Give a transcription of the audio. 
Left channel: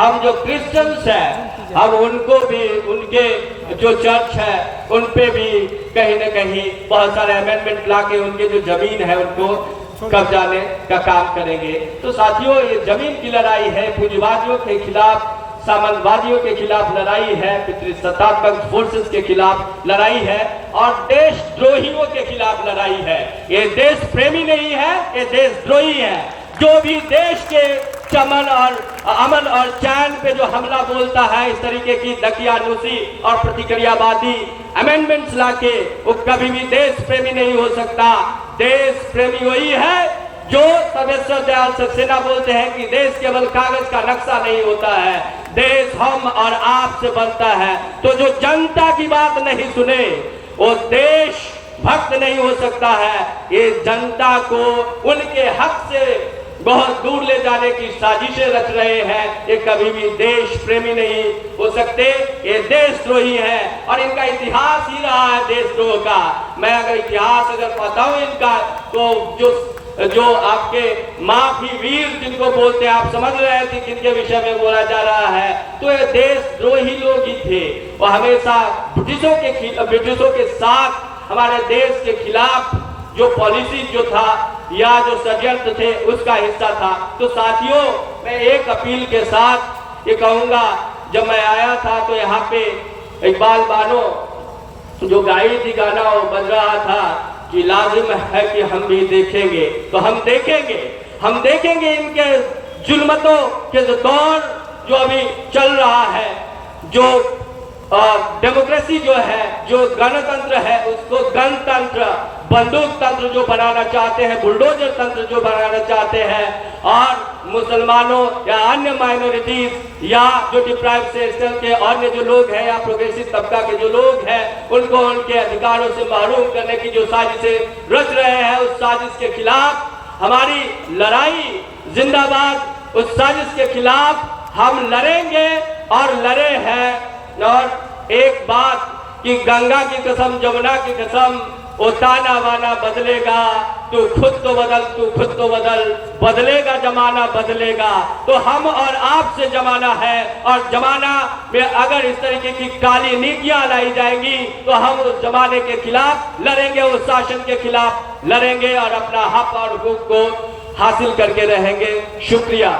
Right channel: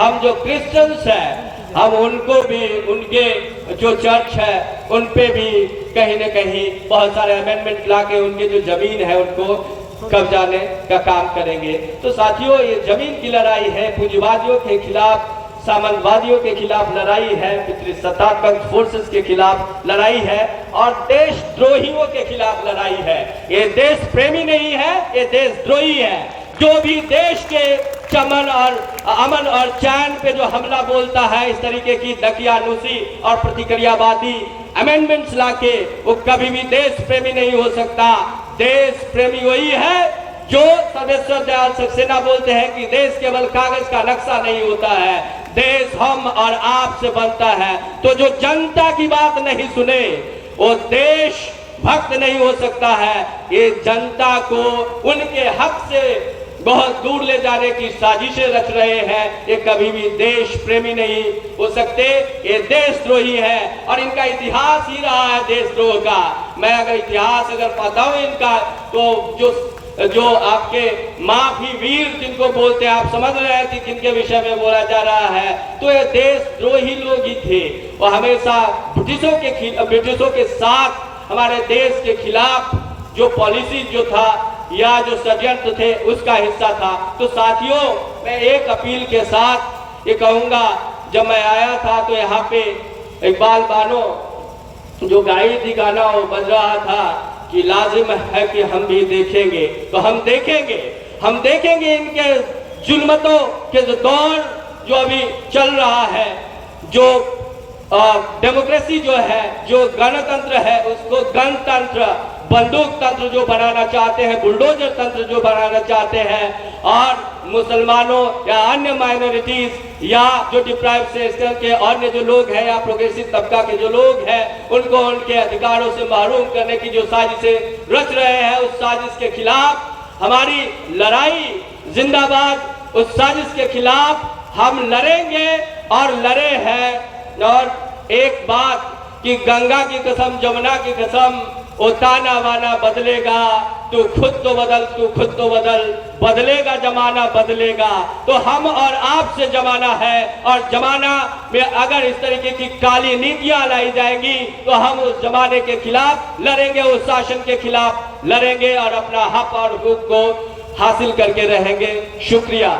हम जो क्रिश्चियंस हैं हम उनको भी, उनके जो चर्च है उन पे भी कहीं न कहीं बहुत सारे अमेंडमेंट लाके उनके जो जमीन है उनको कब्जाने का काम करेंगे। तो साथियों, ये जमीन की लड़ाई है, पूंजीवादियों के खिलाफ, सामंतवादियों के खिलाफ लड़ाई है, पितृसत्तात्मक फोर्सेस के खिलाफ लड़ाई है और देशद्रोहियों के खिलाफ लड़ाई है। ये देश प्रेमी नहीं है, ये देशद्रोही है। जो भी देश के चमन और अमन और चैन पे जो हमला बोलता है, इस तरीके की दकियानूसी और प्रतिक्रियावादी अमेंडमेंट्स लाके, वो कभी भी देश प्रेमी नहीं हो सकता। देश प्रेमी वही है जो सर्वेश्वर दयाल सक्सेना बोलते हैं कि देश केवल कागज का नक्शा नहीं होता है, देश हम और आप से बनता है। तो जो जनता की बात नहीं सुने वो देश भक्त नहीं हो सकता है। ये जनता को उनके हक से बहुत दूर ले जाने की साजिशें रच रहे हैं। ये कभी भी देश प्रेमी नहीं हो सकते, ये देशद्रोही है और इनका इतिहास ही रहा है देशद्रोह का। मैं अगर इतिहास बताऊं इनका, तो जो आपके माफी वीर जिनको बोलते हैं, आप समझ रहे हैं कि किनके विषय में बोला जा रहा है। तो ये देशद्रोही लोग ही थे। वो हमेशा ब्रिटिशों के साथ हमारे देश के खिलाफ जो पॉलिसी जो था या जो षड्यंत्र थे उसका हिस्सा था। तो साथियों, मैं एक अपील के साथ ये कहूंगा, जब मैं आया था तो यहाँ पे इकबाल बानो जो गाई थी गाना वो बज रहा था कि लाजिम है कि हम भी देखेंगे। तो हम देखेंगे इनके जुल्मतों के जो दौर जो अभी चल रहा है, जो डेमोक्रेसी जो है, जो गणतंत्र है, उसको गणतंत्र, बंदूक तंत्र जो बनाना चाहते हैं, बुलडोजर तंत्र जो बनाना चाहते हैं, और मुसलमानों या अन्य माइनॉरिटीज या जो डिप्राइव सेक्शन के अन्य जो लोग हैं या प्रोग्रेसिव तबका के जो लोग हैं, उनको उनके अधिकारों से महरूम करने की जो साजिशें रच रहे हैं, उस साजिश के खिलाफ हमारी लड़ाई जिंदाबाद। उस साजिश के खिलाफ हम लड़ेंगे और लड़े हैं। और एक बात कि गंगा की कसम, जमुना की कसम, वो ताना वाना बदलेगा, तू खुद तो बदल, बदलेगा जमाना बदलेगा। तो हम और आप से जमाना है, और जमाना में अगर इस तरीके की काली नीतियां लाई जाएंगी तो हम उस जमाने के खिलाफ लड़ेंगे, उस शासन के खिलाफ लड़ेंगे और अपना हक और हुकूक को हासिल करके रहेंगे। शुक्रिया।